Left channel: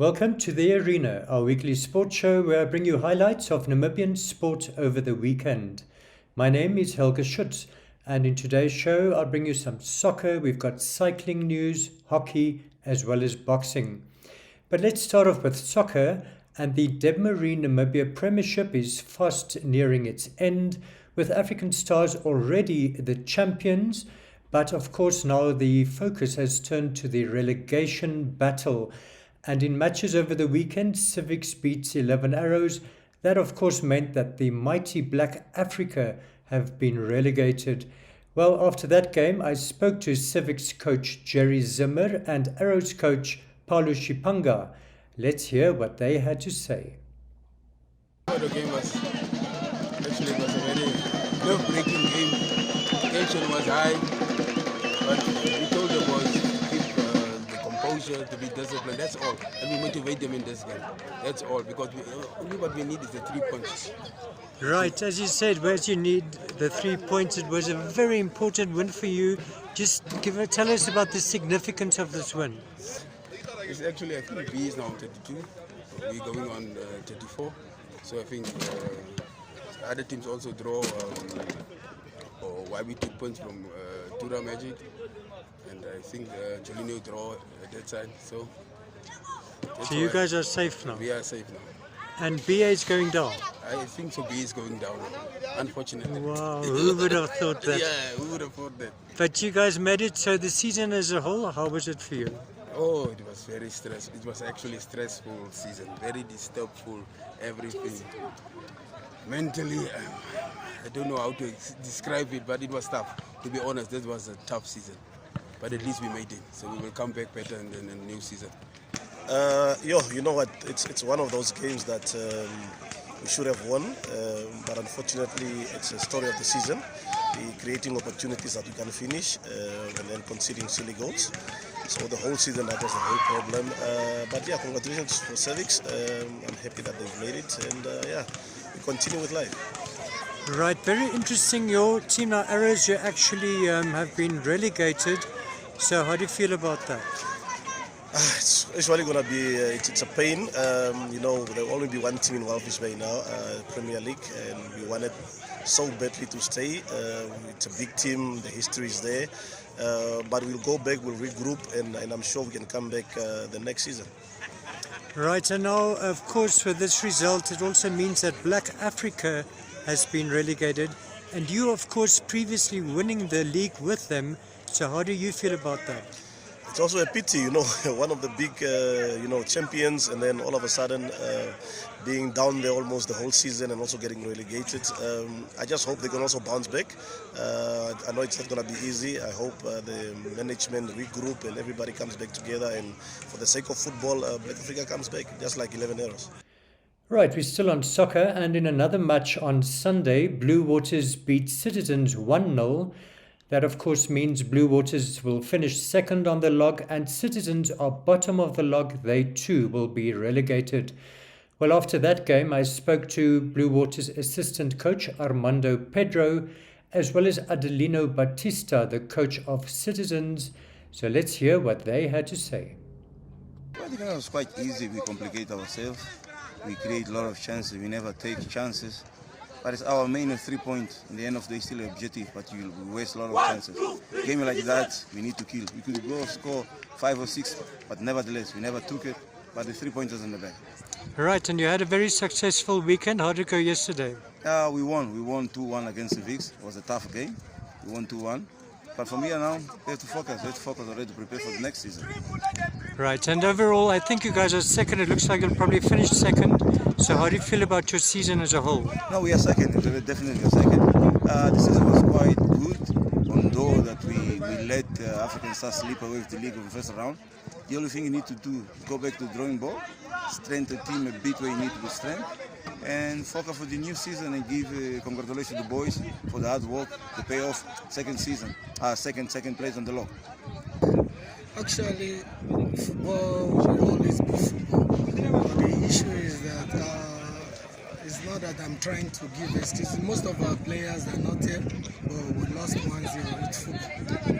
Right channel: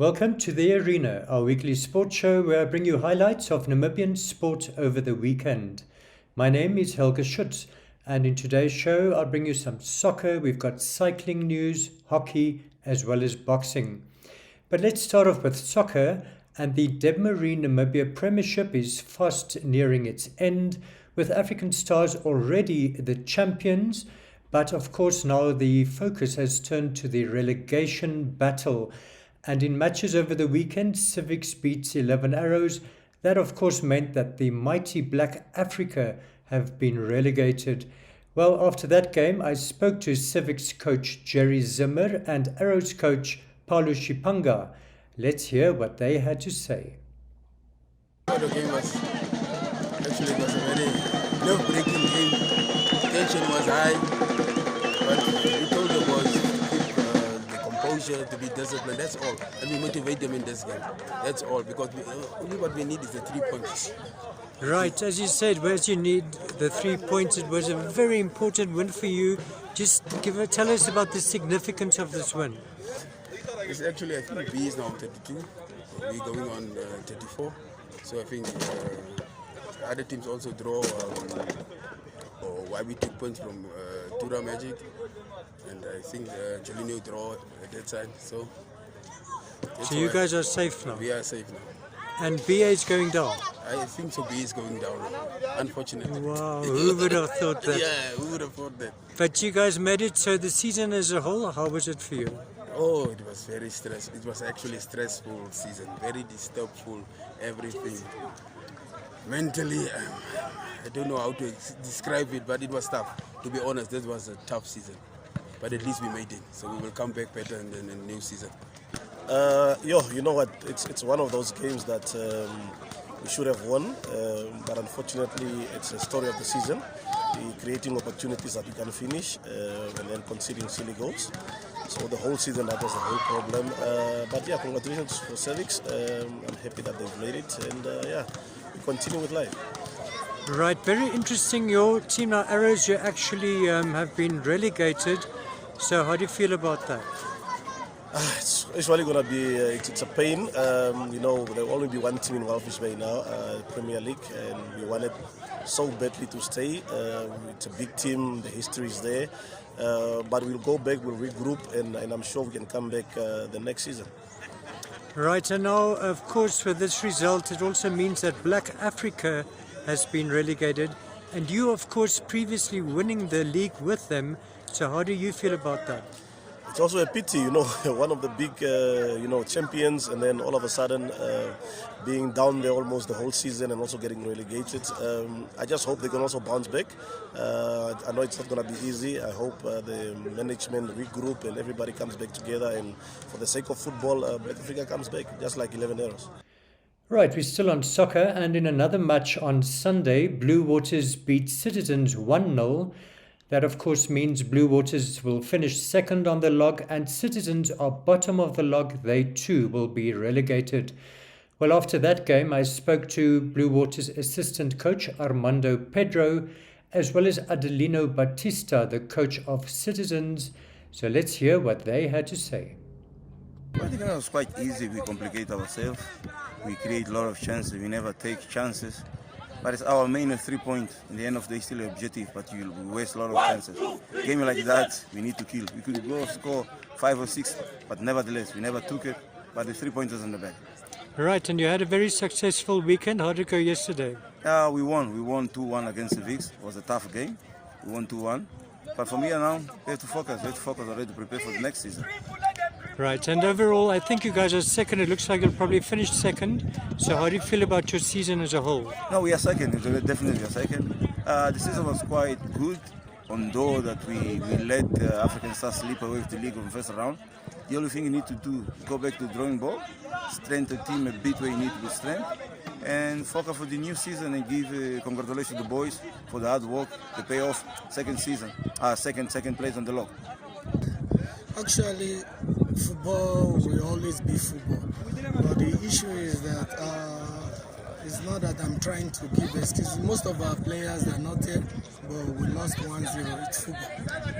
Welcome to The Arena, our weekly sports show where I bring you highlights of Namibian sport over the weekend. My name is Helge Schütz, and in today's show I'll bring you some soccer. We've got cycling news, hockey, as well as boxing. But let's start off with soccer, and the Debmarine Namibia Premiership is fast nearing its end, with African Stars already the champions. But of course now the focus has turned to the relegation battle. And in matches over the weekend, Civics beats 11 Arrows. That of course meant that the mighty Black Africa have been relegated. Well, after that game, I spoke to Civics coach Jerry Zimmer and Arrows coach Paulo Shipanga. Let's hear what they had to say. The game was actually a very nerve-breaking game. Tension was high, but we told them was to keep the composure, to be disciplined. That's all, and we motivate them in this game. That's all, because only what we need is the 3 points. Right, as you said, whereas you need the 3 points, it was a very important win for you. Just tell us about the significance of this win. It's actually, I think B is now 32. We're going on 34. So I think other teams also draw, why we took points from Tura Magic, and I think Jolino draw at that time. So you guys are safe now? We are safe now. And BA is going down? I think so. B is going down now, unfortunately. Wow, who would have thought that? Yeah, who would have thought that? But you guys made it, so the season as a whole, how was it for you? Oh, it was very stressful. It was actually a stressful season, very disturbful, everything. Mentally, I don't know how to describe it, but it was tough. To be honest, this was a tough season. But at least we made it, so we will come back better in the new season. You know what? It's one of those games that we should have won, but unfortunately, it's a story of the season. Creating opportunities that we can finish and then conceding silly goals. So the whole season that was the whole problem. But yeah, congratulations for Civics. I'm happy that they've made it, and we continue with life. Right, very interesting. Your team now, Arrows, you actually have been relegated. So how do you feel about that? It's really going to be, it's a pain. There will only be one team in Walvis Bay now, Premier League, and we wanted so badly to stay. It's a big team, the history is there. But we'll go back, we'll regroup, and I'm sure we can come back the next season. Right, and now, of course, with this result, it also means that Black Africa has been relegated. And you, of course, previously winning the league with them. So how do you feel about that? It's also a pity, one of the big, champions, and then all of a sudden being down there almost the whole season and also getting relegated. I just hope they can also bounce back. I know it's not going to be easy. I hope the management regroup and everybody comes back together. And for the sake of football, Black Africa comes back, just like 11 Arrows. Right, we're still on soccer, and in another match on Sunday, Blue Waters beat Citizens 1-0. That, of course, means Blue Waters will finish second on the log, and Citizens are bottom of the log. They too will be relegated. Well, after that game, I spoke to Blue Waters assistant coach Armando Pedro, as well as Adelino Batista, the coach of Citizens. So let's hear what they had to say. I think it was quite easy. We complicate ourselves. We create a lot of chances. We never take chances. But it's our main 3 points. In the end of the day, still an objective, but we waste a lot of chances. Game like that, we need to kill. We could go score 5 or 6, but nevertheless, we never took it. But the 3 points is in the bag. Right, and you had a very successful weekend. How did it go yesterday? We won. We won 2-1 against the Vics. It was a tough game. We won 2-1. But from here now, we have to focus. We have to focus already to prepare for the next season. Right, and overall, I think you guys are second. It looks like you'll probably finish second. So how do you feel about your season as a whole? No, we are second. We definitely are second. The season was quite good, although that we let African Stars slip away with the league in the first round. The only thing you need to do, go back to the drawing board, strengthen the team a bit where you need to be strength, and focus for the new season and give congratulations to the boys for the hard work, the payoff, second place on the log. Actually, football will always be football. But the issue is that it's not that I'm trying to give excuses. Most of our players are not here, but we lost 1-0. It's football.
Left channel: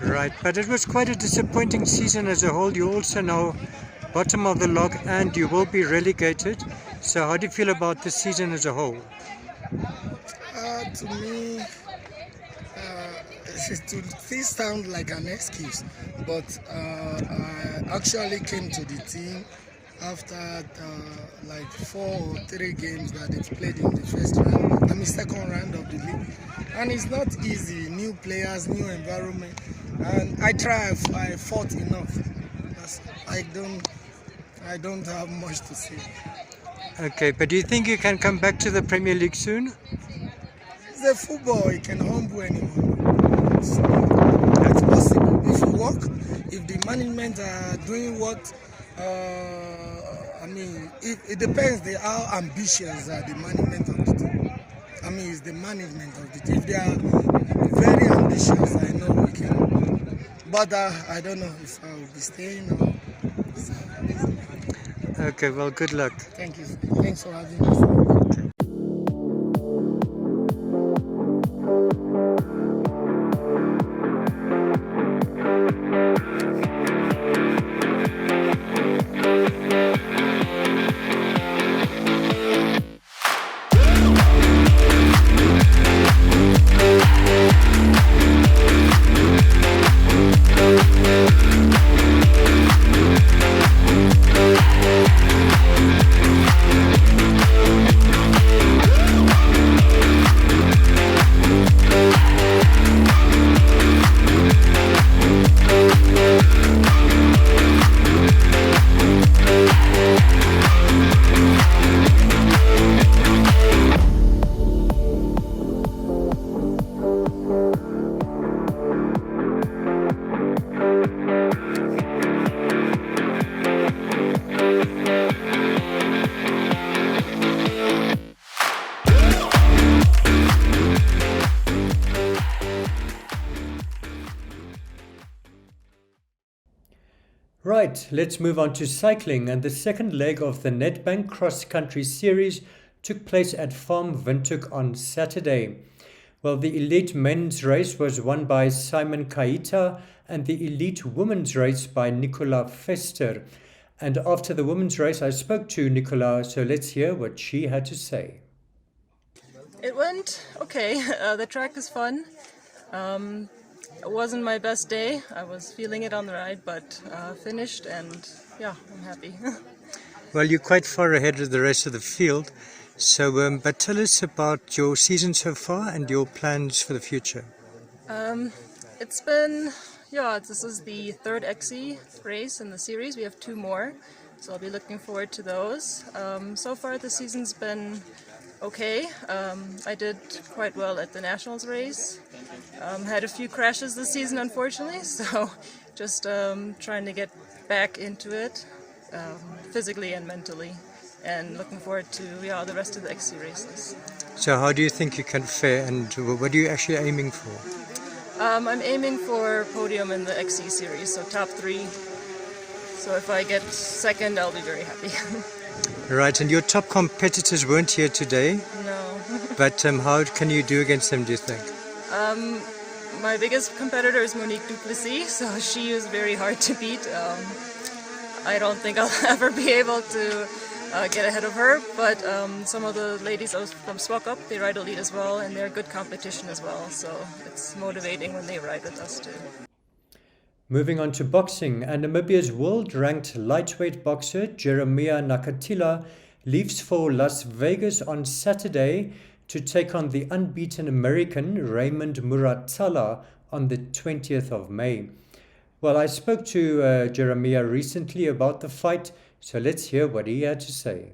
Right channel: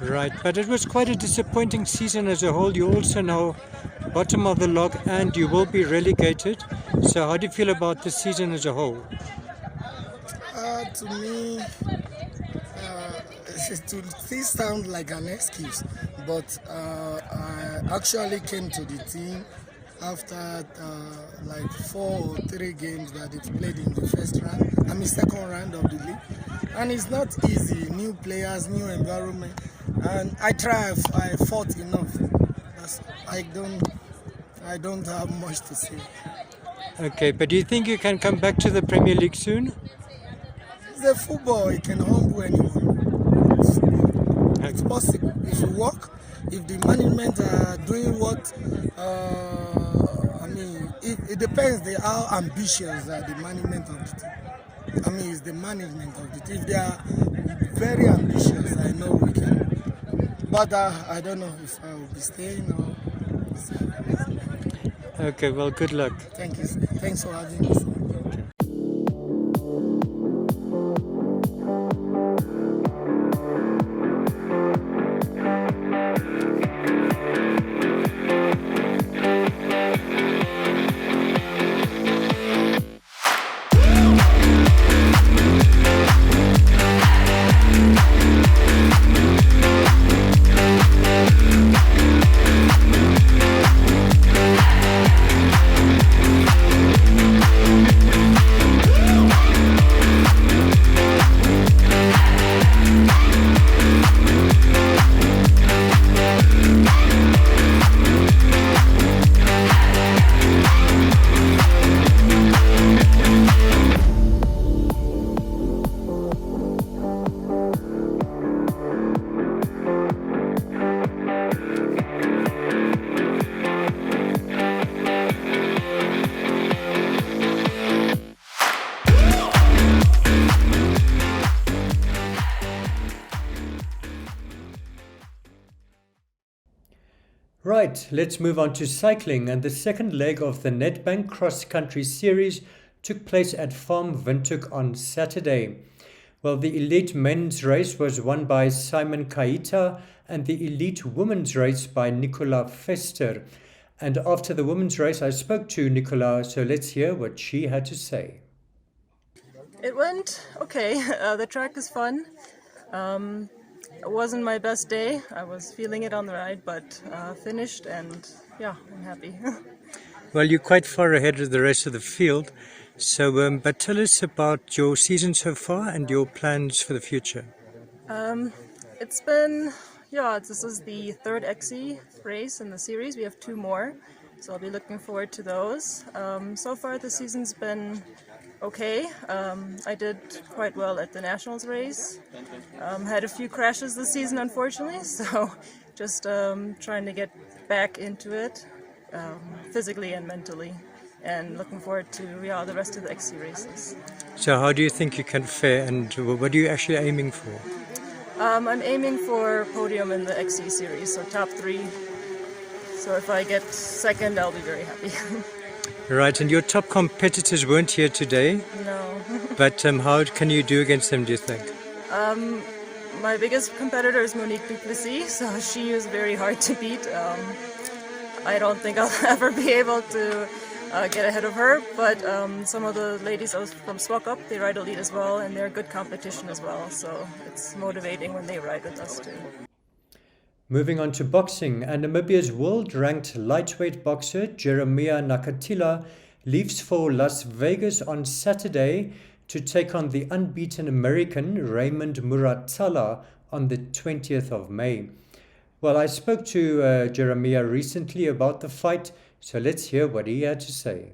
Right, but it was quite a disappointing season as a whole. You also now bottom of the log and you will be relegated. So how do you feel about the season as a whole? To me, it will sound like an excuse, but I actually came to the team after like 4 or 3 games that it played in the first round. I'm in second round of the league, and it's not easy. New players, new environment, and I fought enough. But I don't have much to say. Okay, but do you think you can come back to the Premier League soon? It's a football, it can humble anyone. It's possible if you work, if the management are doing what, it depends how ambitious are the management of the team. It's the management of the team. If they are very ambitious, I know we can. But I don't know if I will be staying or... Okay, well, good luck. Thank you. Thanks for having us. Right, let's move on to cycling, and the second leg of the Nedbank Cross Country Series took place at Farm Windhoek on Saturday. Well, the elite men's race was won by Simon Kaita and the elite women's race by Nicola Vester. And after the women's race, I spoke to Nicola, so let's hear what she had to say. It went okay. The track is fun. It wasn't my best day. I was feeling it on the ride, but finished, and yeah, I'm happy. Well, you're quite far ahead of the rest of the field. So, but tell us about your season so far and your plans for the future. It's been, this is the third XC race in the series. We have 2 more, so I'll be looking forward to those. So far the season's been okay. I did quite well at the Nationals race. Had a few crashes this season, unfortunately, so just trying to get back into it, physically and mentally, and looking forward to the rest of the XC races. So how do you think you can fare, and what are you actually aiming for? I'm aiming for podium in the XC series, so top 3. So if I get second, I'll be very happy. Right, and your top competitors weren't here today. No. But how can you do against them, do you think? My biggest competitor is Monique Duplessis, so she was very hard to beat. I don't think I'll ever be able to get ahead of her, but some of the ladies from Swak Up, they ride elite as well, and they're good competition as well, so it's motivating when they ride with us too. Moving on to boxing, and Namibia's world-ranked lightweight boxer Jeremiah Nakatila leaves for Las Vegas on Saturday to take on the unbeaten American Raymond Muratala on the 20th of May. Well, I spoke to Jeremiah recently about the fight, so let's hear what he had to say.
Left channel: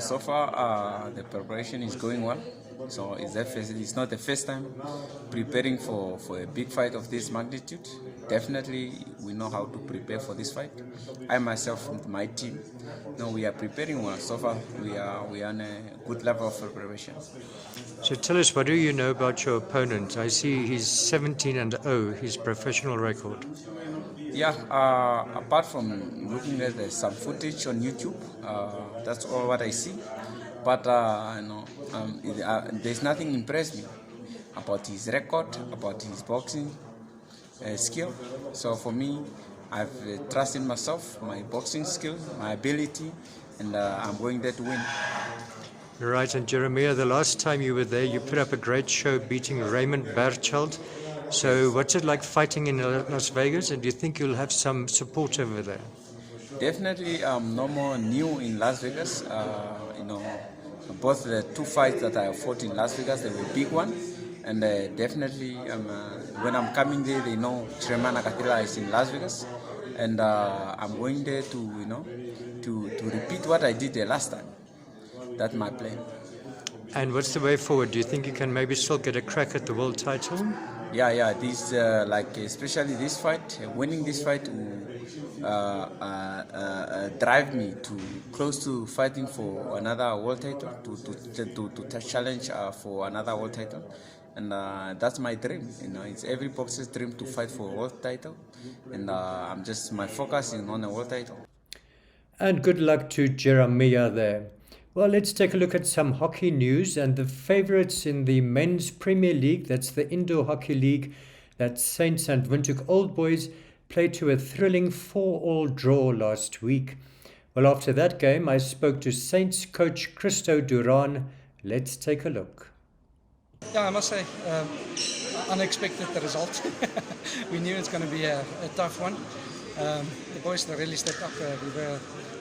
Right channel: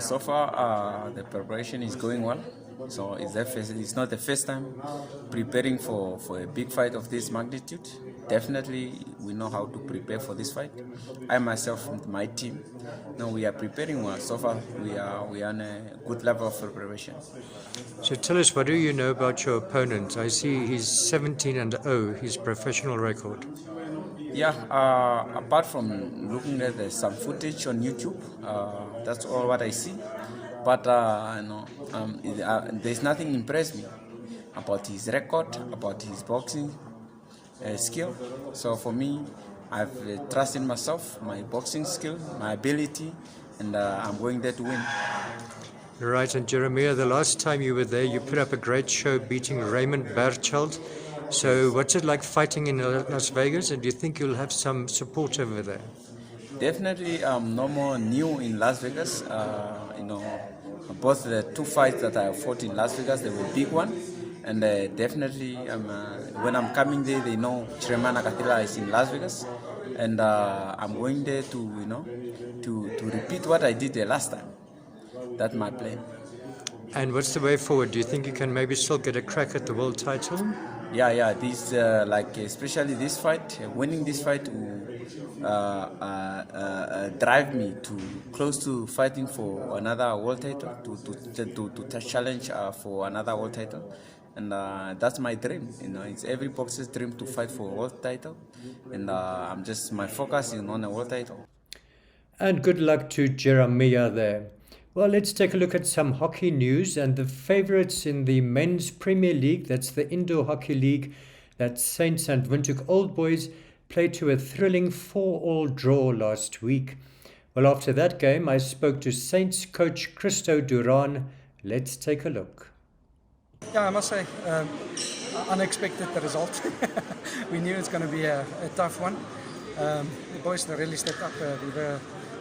So far the preparation is going well. So it's not the first time preparing for a big fight of this magnitude. Definitely we know how to prepare for this fight. I myself and my team, we are preparing well. So far we are on a good level of preparation. So tell us, what do you know about your opponent? I see he's 17-0, his professional record. Apart from looking at some footage on YouTube, that's all what I see. But there's nothing impressed me about his record, about his boxing skill. So for me, have trust in myself, my boxing skill, my ability, and I'm going there to win. Right, and Jeremiah, the last time you were there, you put up a great show beating Raymond Berchelt. So what's it like fighting in Las Vegas, and do you think you'll have some support over there? Definitely, I'm no more new in Las Vegas. Both the two fights that I fought in Las Vegas, they were big one, and definitely when I'm coming there, they know Chirema Nakatela is in Las Vegas, and I'm going there to repeat what I did the last time. That's my plan. And what's the way forward? Do you think you can maybe still get a crack at the world title? Yeah. This especially this fight, winning this fight will drive me to close to fighting for another world title, to challenge for another world title, and that's my dream. It's every boxer's dream to fight for a world title, and my focus is on a world title. And good luck to Jeremiah there. Well, let's take a look at some hockey news, and the favourites in the Men's Premier League, that's the Indoor Hockey League, that's Saints and Windhoek Old Boys, played to a thrilling 4-4 draw last week. Well, after that game, I spoke to Saints coach Christo Duran. Let's take a look. Yeah, I must say, unexpected the result. We knew it's going to be a tough one. The boys really stepped up.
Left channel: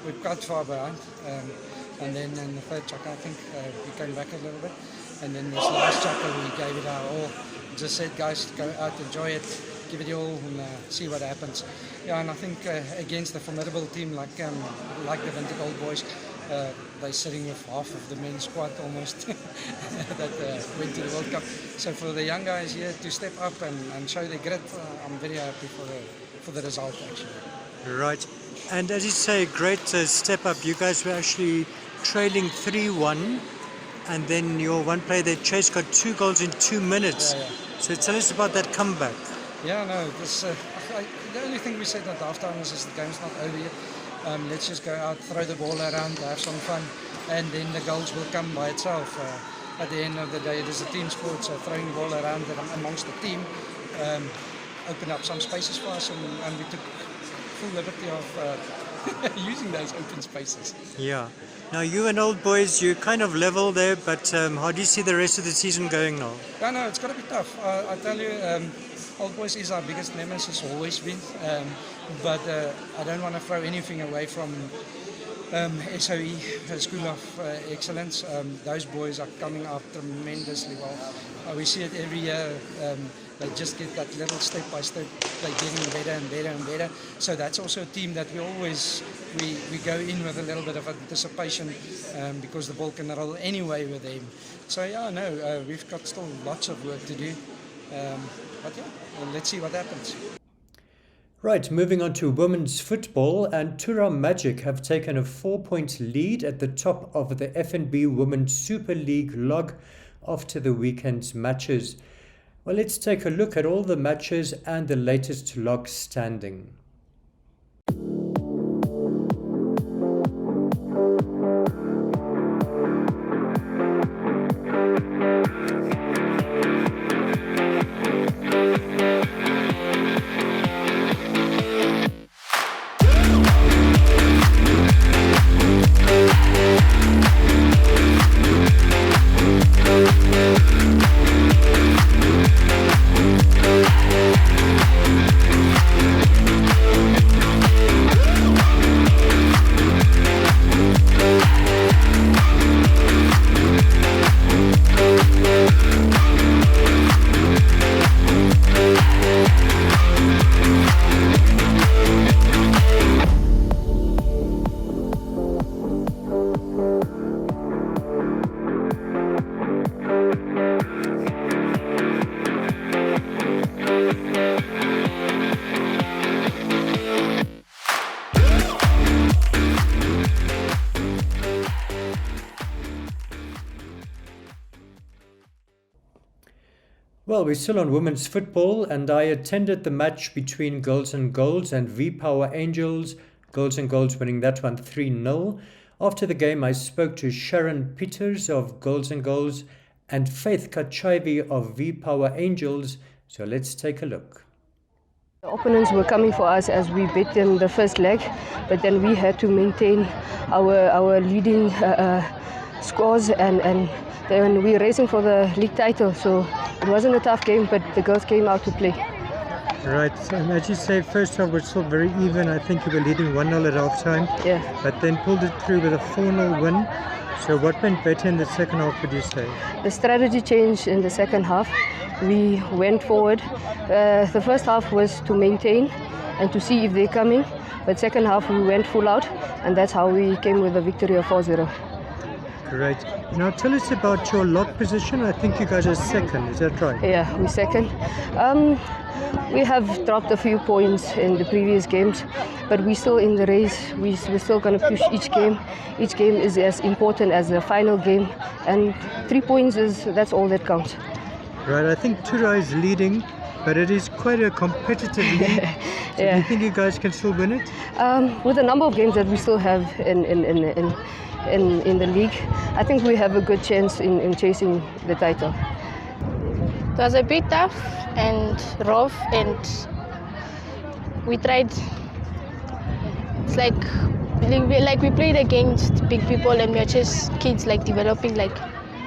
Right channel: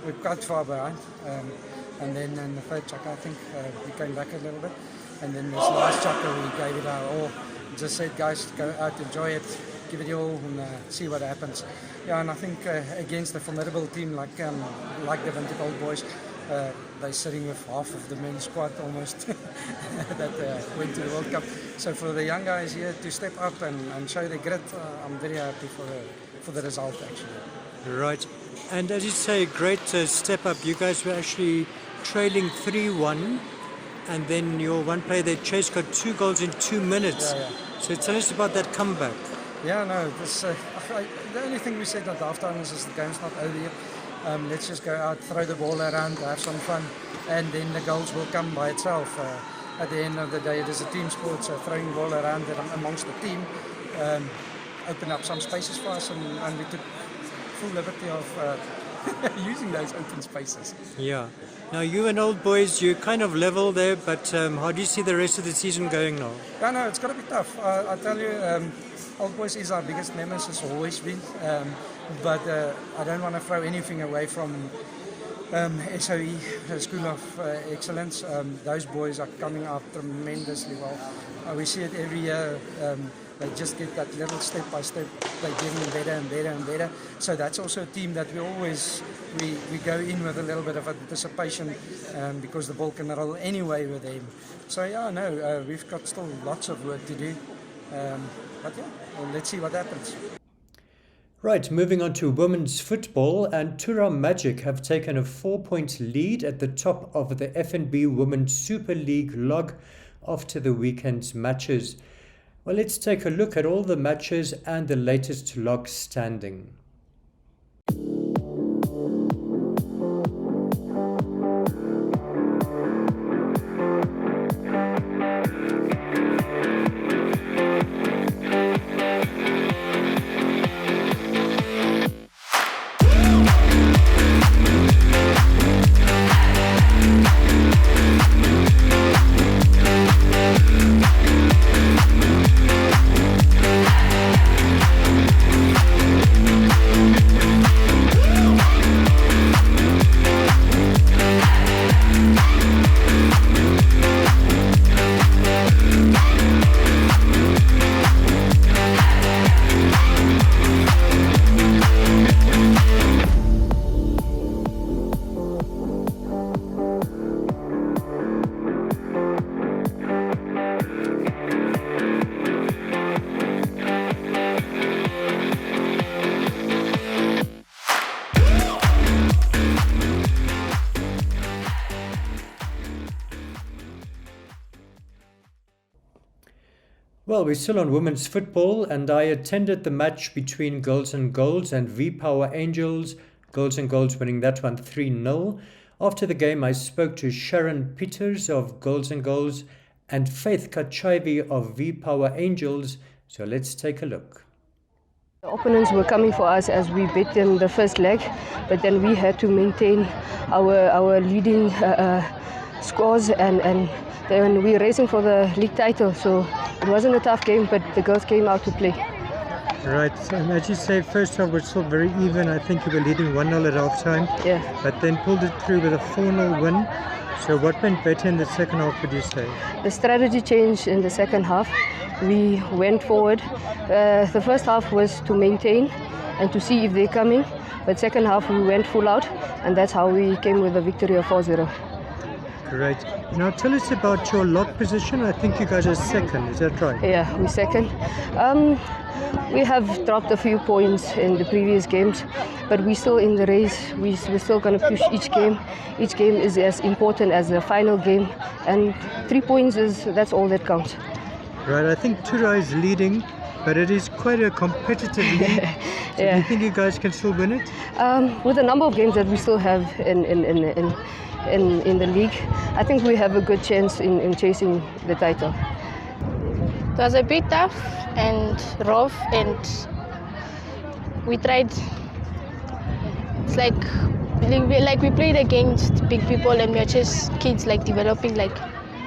We're quite far behind. And then in the third chapter, I think we came back a little bit. And then this last chapter, we gave it our all. Just said, guys, go out, enjoy it, give it your all, and see what happens. Yeah, and I think against a formidable team like the Windhoek Old Boys, they're sitting with half of the men's squad almost that went to the World Cup. So for the young guys here to step up and show their grit, I'm very happy for the result actually. Right. And as you say, great step up. You guys were actually trailing 3-1, and then your one player, they Chase, got 2 goals in 2 minutes. So tell us about that comeback. Yeah, no, the only thing we said at halftime is the game's not over yet. Let's just go out, throw the ball around, have some fun, and then the goals will come by itself. At the end of the day, it is a team sport, so throwing the ball around amongst the team opened up some spaces for us, and we took full liberty of using those open spaces. Yeah. Now, you and Old Boys, you're kind of level there, but how do you see the rest of the season going now? No, it's got to be tough. I tell you, Old Boys is our biggest nemesis, always been. But I don't want to throw anything away from SOE, School of Excellence. Those boys are coming up tremendously well. We see it every year. They just get that little step by step. They're getting better and better and better. So that's also a team that we go in with a little bit of anticipation because the ball can roll anyway with them. So yeah, no, we've got still lots of work to do. But yeah, let's see what happens. Right, moving on to women's football, and Tura Magic have taken a 4-point lead at the top of the FNB Women's Super League log after the weekend's matches. Well, let's take a look at all the matches and the latest log standing. Well, we're still on women's football, and I attended the match between Girls and Goals and V-Power Angels. Girls and Goals winning that one 3-0. After the game, I spoke to Sharon Peters of Girls and Goals and Faith Kachavi of V-Power Angels. So let's take a look. The opponents were coming for us as we beat them the first leg, but then we had to maintain our leading scores and then we were racing for the league title. So it wasn't a tough game, but the girls came out to play. Right, so as you say, first half was still very even. I think you were leading 1-0 at half time, Yeah. but then pulled it through with a 4-0 win. So what went better in the second half, would you say? The strategy changed in the second half. We went forward. The first half was to maintain and to see if they're coming, but second half we went full out, and that's how we came with a victory of 4-0. Great. Now tell us about your lock position. I think you guys are second, is that right? Yeah, we're second. We have dropped a few points in the previous games, but we're still in the race. We're still going to push each game. Each game is as important as the final game, and 3 points that's all that counts. Right, I think Tura is leading, but it is quite a competitive league. So Yeah. do you think you guys can still win it? With the number of games that we still have in the league, I think we have a good chance in chasing the title. It was a bit tough and rough, and we tried. It's like we played against big people, and we are just kids, like developing, like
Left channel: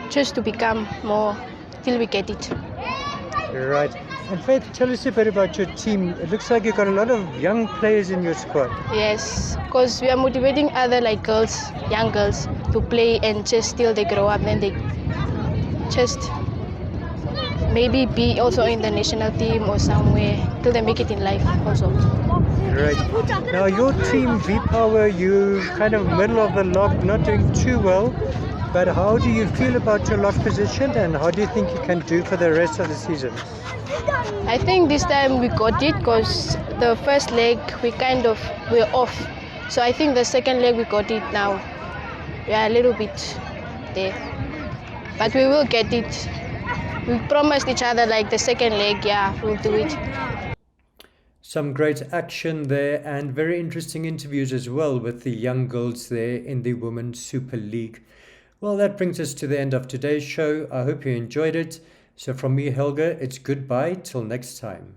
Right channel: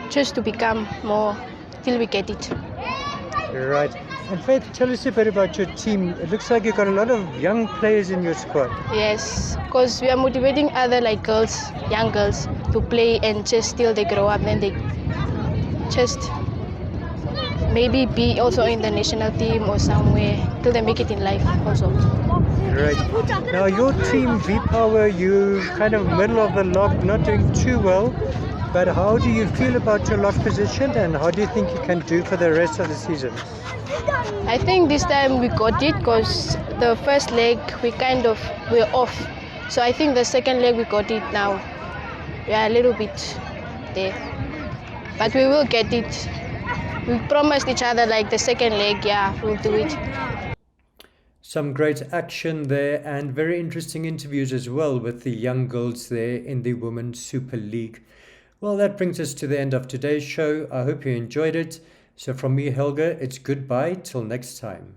just to become more till we get it. Right. And Faith, tell us a bit about your team. It looks like you've got a lot of young players in your squad. Yes, because we are motivating other like girls, young girls, to play and just till they grow up, then they just maybe be also in the national team or somewhere till they make it in life also. Right. Now your team, V-Power, you kind of middle of the lock, not doing too well. But how do you feel about your lock position, and how do you think you can do for the rest of the season? I think this time we got it because the first leg we're off. So I think the second leg we got it now. We are a little bit there. But we will get it. We promised each other like the second leg, yeah, we'll do it. Some great action there and very interesting interviews as well with the young girls there in the Women's Super League. Well, that brings us to the end of today's show. I hope you enjoyed it. So from me, Helge, it's goodbye till next time.